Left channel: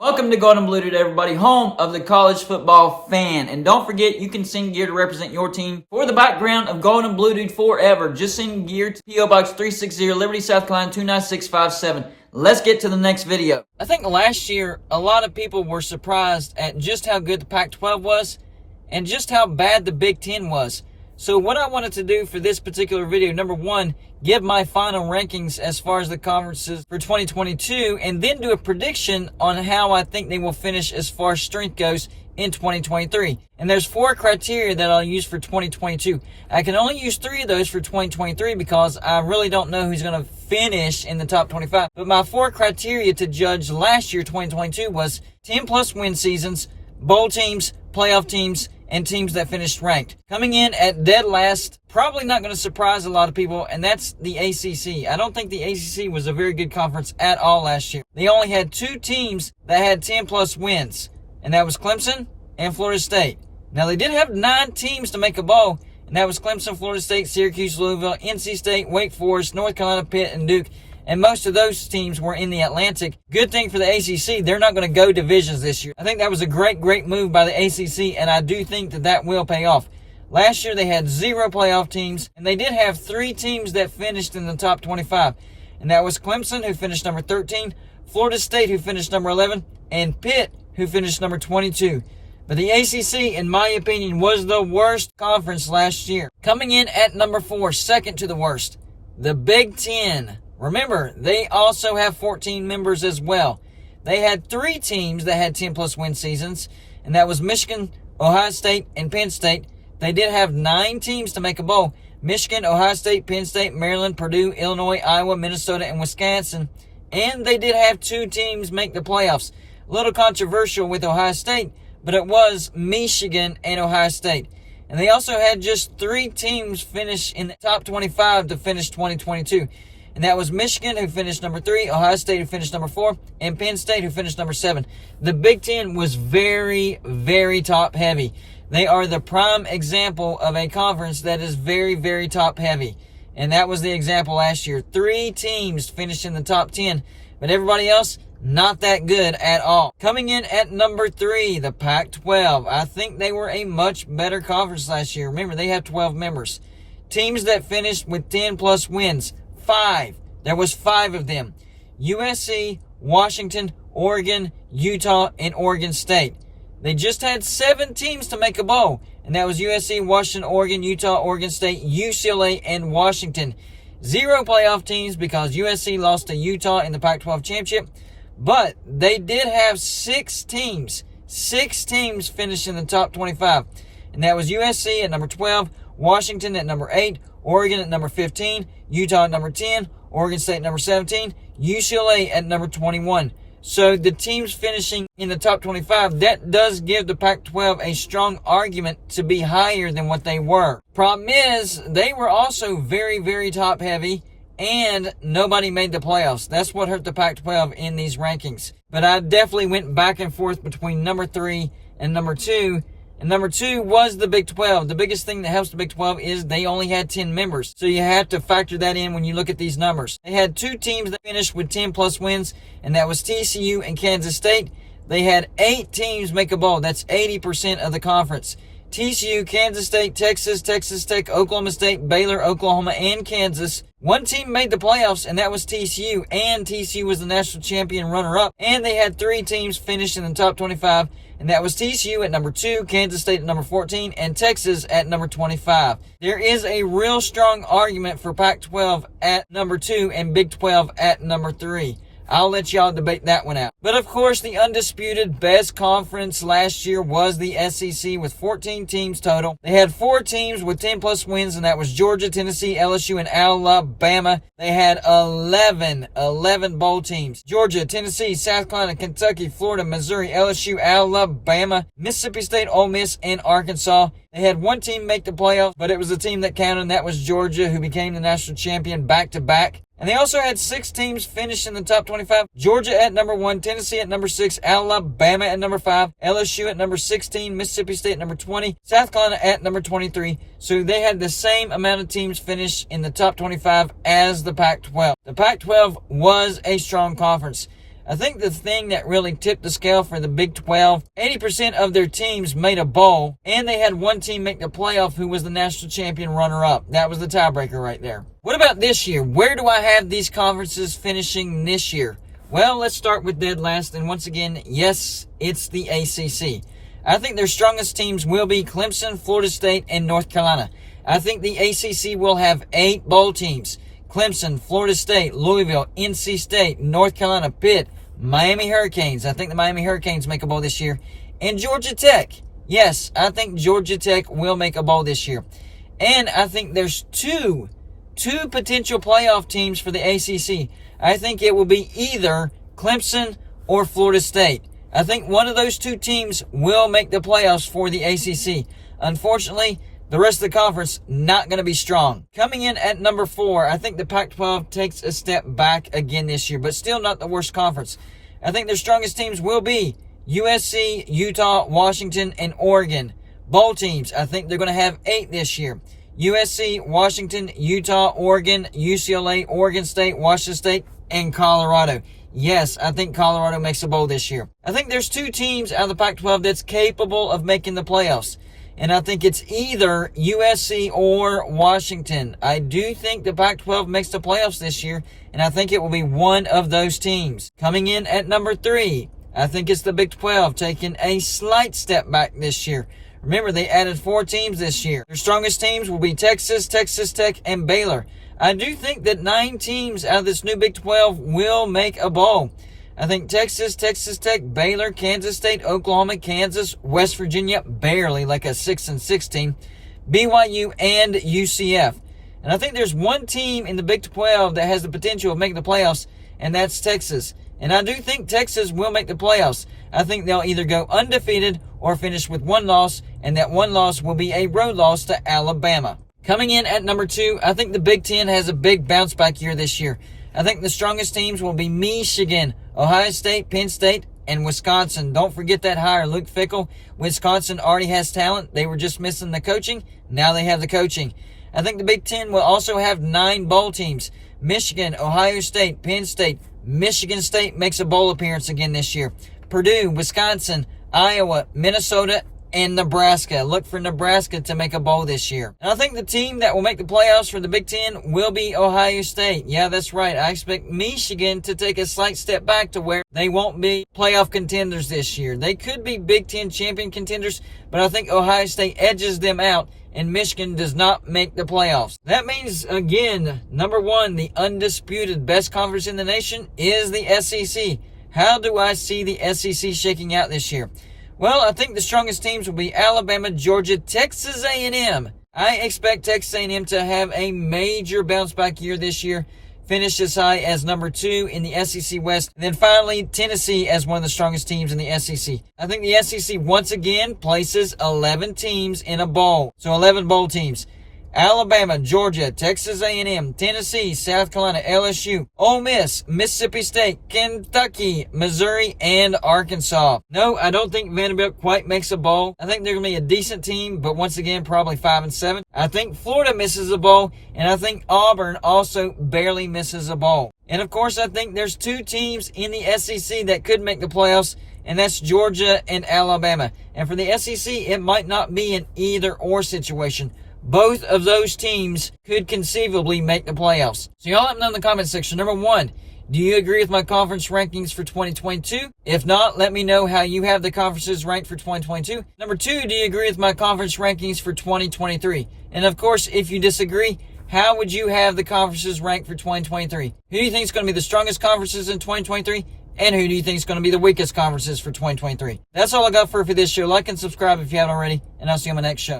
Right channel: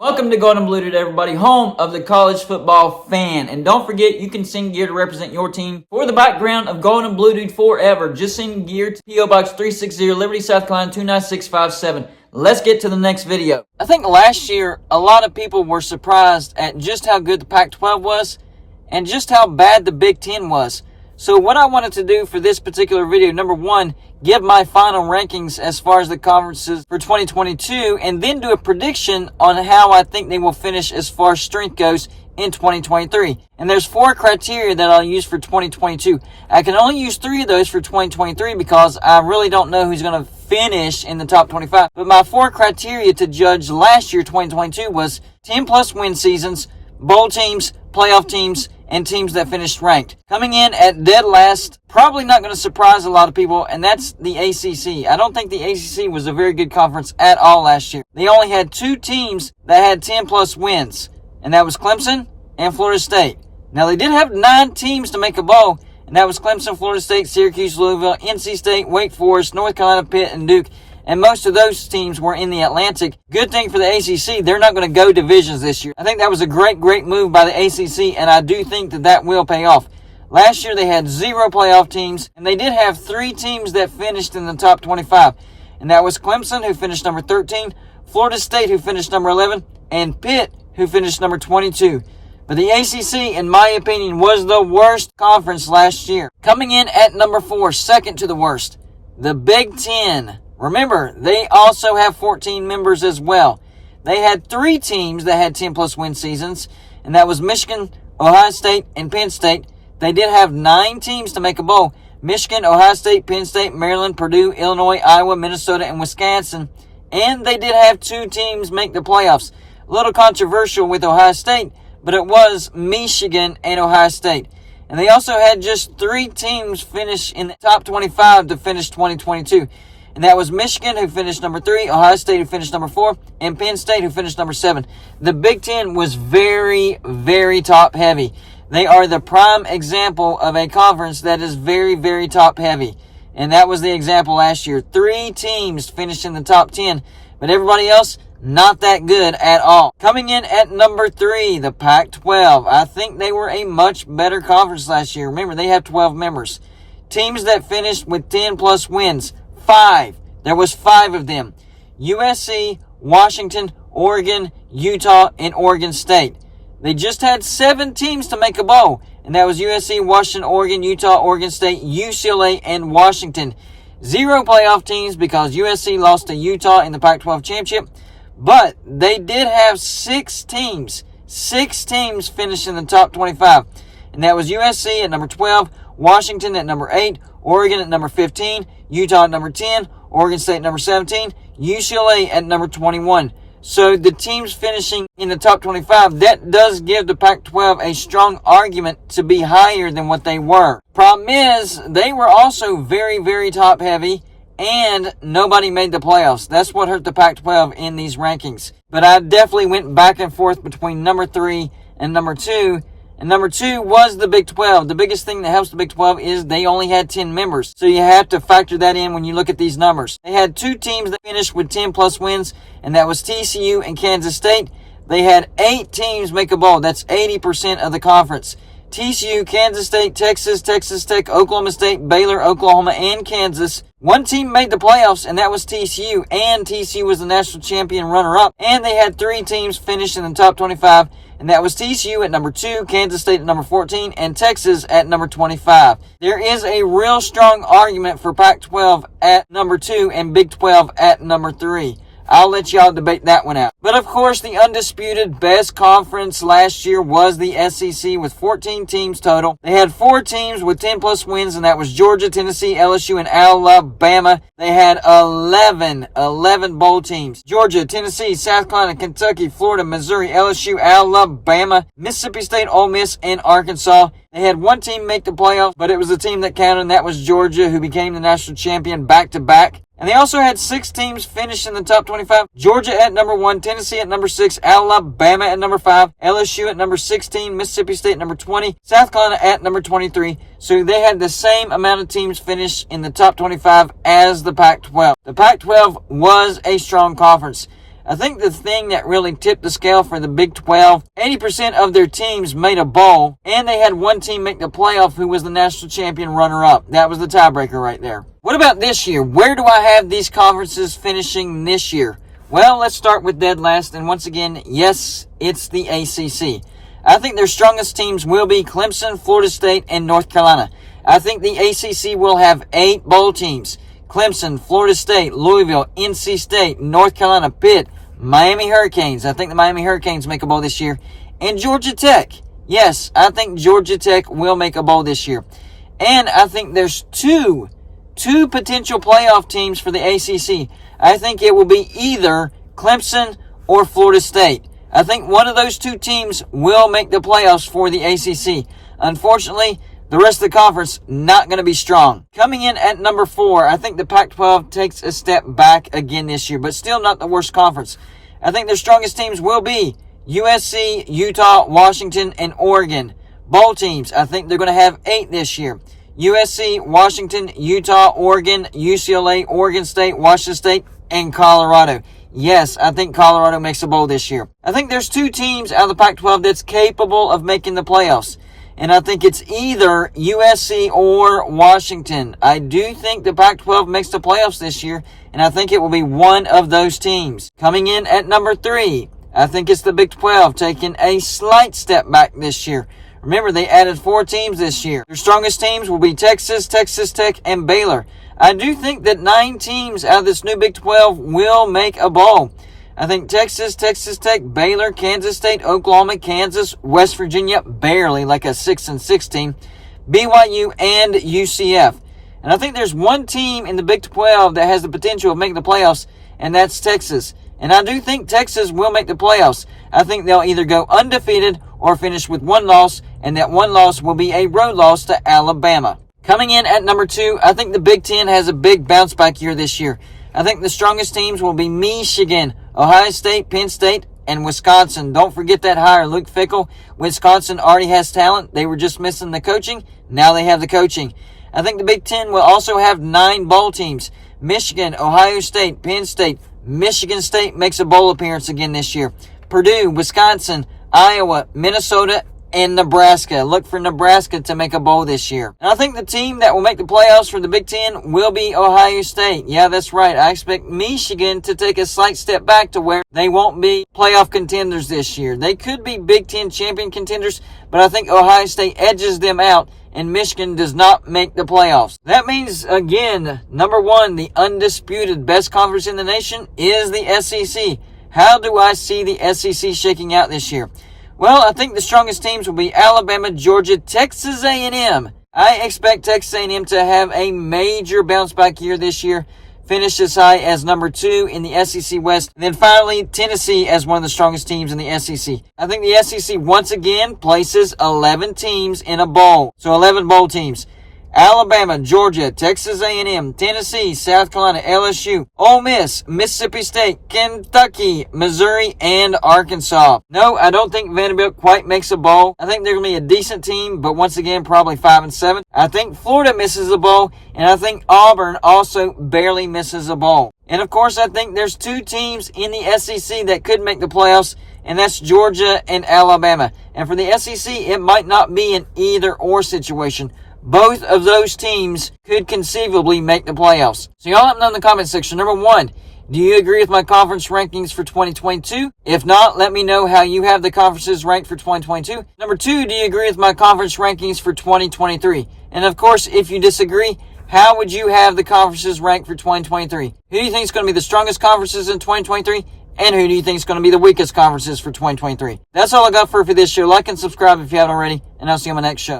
Welcome to Golden Blue Dude, everybody, home of the college football fan. And don't forget, you can send gear to represent your team for the background of Golden Blue Dude forever. Just send gear to P.O. Box 360, Liberty, South Carolina 29657. Let's get to the next video. I think last year, a lot of people were surprised at just how good the Pac-12 was and just how bad the Big Ten was. So what I wanted to do for this particular video, number one, give my final rankings as far as the conferences for 2022, and then do a prediction on how I think they will finish as far as strength goes in 2023. And there's 4 criteria that I'll use for 2022. I can only use 3 of those for 2023 because I really don't know who's going to finish in the top 25. But my 4 criteria to judge last year, 2022, was 10-plus win seasons, bowl teams, playoff teams, and teams that finished ranked. Coming in at dead last, probably not going to surprise a lot of people, and that's the ACC. I don't think the ACC was a very good conference at all last year. They only had 2 teams that had 10-plus wins, and that was Clemson and Florida State. Now, they did have 9 teams to make a bowl, and that was Clemson, Florida State, Syracuse, Louisville, NC State, Wake Forest, North Carolina, Pitt, and Duke. And most of those teams were in the Atlantic. Good thing for the ACC, they're not going to go divisions this year. I think that was a great move by the ACC, and I do think that will pay off. Last year, they had 0 playoff teams, and they did have 3 teams that finished in the top 25. And that was Clemson, who finished number 13, Florida State, who finished number 11, and Pitt, who finished number 22. But the ACC, in my opinion, was the worst conference last year. Coming in at number 4, second to the worst, the Big Ten. Remember, they also have 14 members as well. They had 3 teams that had 10-plus win seasons, and that was Michigan, Ohio State, and Penn State. They did have 9 teams to make a bowl. Michigan, Ohio State, Penn State, Maryland, Purdue, Illinois, Iowa, Minnesota, and Wisconsin. And they did have 2 teams make the playoffs. A little controversial with Ohio State, but it was Michigan and Ohio State. And they also had just 3 teams finish in the top 25 to finish 2022. And that was Michigan, who finished number 3, Ohio State, who finished number 4, and Penn State, who finished number 7. The Big Ten was very, very top-heavy. They are the prime example of a conference that is very, very top-heavy. And that was the example last year. 3 teams finished in the top 10, but everybody else, not that good at all. Coming in at number 3, the Pac-12. I think they were a much better conference last year. Remember, they have 12 members. Teams that finished with 10-plus wins. 5. There was 5 of them. USC, Washington, Oregon, Utah, and Oregon State. They just had 7 teams to make a bowl, and that was USC, Washington, Oregon, Utah, Oregon State, UCLA, and Washington. 0 playoff teams because USC lost to Utah in the Pac-12 championship, but they did have 6 teams. 6 teams finished in the top 25, and that was USC at number 12, Washington at number 8, Oregon at number 15, Utah at number 10, Oregon State at number 17, UCLA at number 21. So the teams finishing in the top 25, that does give the Pac-12 a strong argument to be higher than what they were. Problem is, they were also very, very top heavy, and nobody made the playoffs. That's what hurt the Pac-12 in these rankings. But I definitely went back and forth between number 3 and number 2. And number 2 was the Big 12. The biggest thing that helps the Big 12 is they only had 10 members. So you have to factor that in when you look at these numbers. They had 2 teams that finished with 10-plus wins, and that was TCU and Kansas State. They had 8 teams make a bowl. That's 80% of the conference. TCU, Kansas State, Texas, Texas Tech, Oklahoma State, Baylor, Oklahoma, and Kansas. 1 team made the playoffs, and that was TCU. And TCU was the national champion runner-up. And they had 3 teams finish in the top 25. And that was TCU at number 2, Kansas State at number 14, and Texas at number 25. There is a real strong argument for Pac-12 at number 2 and Big 12 at number 3. I'll let y'all debate that one out. But of course, the undisputed best conference last year was the SEC with 14 teams total. They had 4 teams with 10-plus wins, and that was Georgia, Tennessee, LSU, and Alabama. They had 11 bowl teams. Georgia, Tennessee, South Carolina, Kentucky, Florida, Missouri, LSU, Alabama, Mississippi State, Ole Miss, and Arkansas. They had 1 team make the playoffs, but it was the team that counted, and that was Georgia, who became the national champion back-to-back. And they also had 6 teams finish in the top 25. Georgia at number 1, Tennessee at number 6, Alabama at number 5, LSU at number 16, Mississippi State at number 20, South Carolina at number 23. So they had the same amount of teams finish in the top 25 as the Pac-12. The Pac-12 was a strong conference. I think the thing that really tipped the scale for the Big 12, 80% of their teams made a bowl, and they had one team make the playoff who was the national champion runner-up. That was the tiebreaker right there. What about this year? Where do I have these conferences finishing this year? Well, let's start with dead last, and once again, yes, it's the ACC. I think their strongest teams will be Clemson, Florida State, and North Carolina. I think the ACC will have 8 bowl teams. Clemson, Florida State, Louisville, NC State, North Carolina, Pitt, Miami Hurricanes. I think the Miami Hurricanes make a bowl this year. And Georgia Tech. Yes, I think Georgia Tech will make a bowl this year. And I think there's two potential playoff teams for the ACC. I think it will be either Clemson or Florida State. I think one of those 2 teams will make the playoffs for the ACC. Unfortunately, the rest of the conference not going to be strong. Coming in at number 4, I think the Pac-12 takes a step back again this year, but still not the worst conference. I think their strongest teams will be USC, Utah, Washington, and Oregon. Bowl teams, I think they're going to have 8 this year. USC, Washington, Utah, Oregon, UCLA, Oregon State, Washington State, and Colorado. Yes, I think Colorado makes a bowl this year. I think there's 2 teams out of the Pac-12 that's capable of making the playoffs. And I think it's either USC or Washington. I do think the Pac-12 makes the playoffs this year, and I think it will be one of those teams. Coming in at number 3, I think it's the Big 12 taking a slight step back this year. Remember, they added 4 teams this year. Their strongest teams will be Texas, Texas Tech, and Baylor. I do think that 9 teams out of this new Big 12 will make a bowl. I think Texas, Texas Tech, Baylor, Kansas State, Oklahoma, Kansas, West Virginia, barely like a 6-6 team, BYU, and UCF. And I think there's one team in the Big 12 that has the potential of making the playoffs, and that's Texas. And I do think Texas will make the playoffs. I think they'll either go undefeated or finish with 1 loss, and that 1 loss will be a road loss to Alabama. Coming in at number 2, I think the Big Ten has a big bounce back year this year. I think the strongest teams will be Michigan, Ohio State, Penn State, and Wisconsin. Don't forget that hire, Luke Fickell. Wisconsin already has talent. They were just missing the coaching. Now they have the coaching. I think the Big Ten will also have 9 bowl teams. Michigan, Ohio State, Penn State, Michigan State makes a bowl appearance again this year. Purdue, Wisconsin, Iowa, Minnesota, and Nebraska. Look for Nebraska to make a bowl this year. And I think the team that will make the playoffs for the Big Ten will be Ohio State. Yeah, that's right. I expect Michigan to take a slight step back to where they won't be playoff contenders this year. They could be Big Ten champion contenders, but I think Ohio State edges them out, and Michigan does not make the playoffs. That means, again, number 1, the undisputed best conference in the nation is the SEC. How do I see the SEC shaking out this year? Well, I think the strongest teams will be Alabama, Georgia, Texas A&M. I expect Texas A&M to have a major bounce back year this year, finish as high as number 2 in the SEC West. And then finally, Tennessee as one of the strongest teams in the SEC. I think the SEC once again places 11 teams in a bowl. So 11 bowl teams. Alabama, Georgia, Texas A&M, Tennessee, South Carolina, LSU, Ole Miss, Mississippi State, Kentucky, Missouri, and Arkansas. No, I don't think Vanderbilt quite makes a bowl. I think they're going to be a decent team, but once again, probably 5-7. I think Florida misses a bowl, and I think Auburn also barely misses a bowl. And of course, I think there's 2 teams in the SEC that could make the playoffs, and that's Georgia and Alabama. And for the SEC, it might not be an either-or situation. Both of those teams could conceivably make the playoffs. So y'all let me know in the comment section. Number 1, do you agree with my conference rankings for 2022? If not, let me know how you have the conferences ranked for 2022. Number 2, do you agree with my conference rankings for 2023? And of course, if you disagree, how would you have the conferences ranked for 2023? Who do you think is going to be the strongest conferences in 2023? And who do you think is going to be the weakest conferences for 2023? That's all I got for this show. Like and subscribe if you haven't already, and I'll see you on my next show.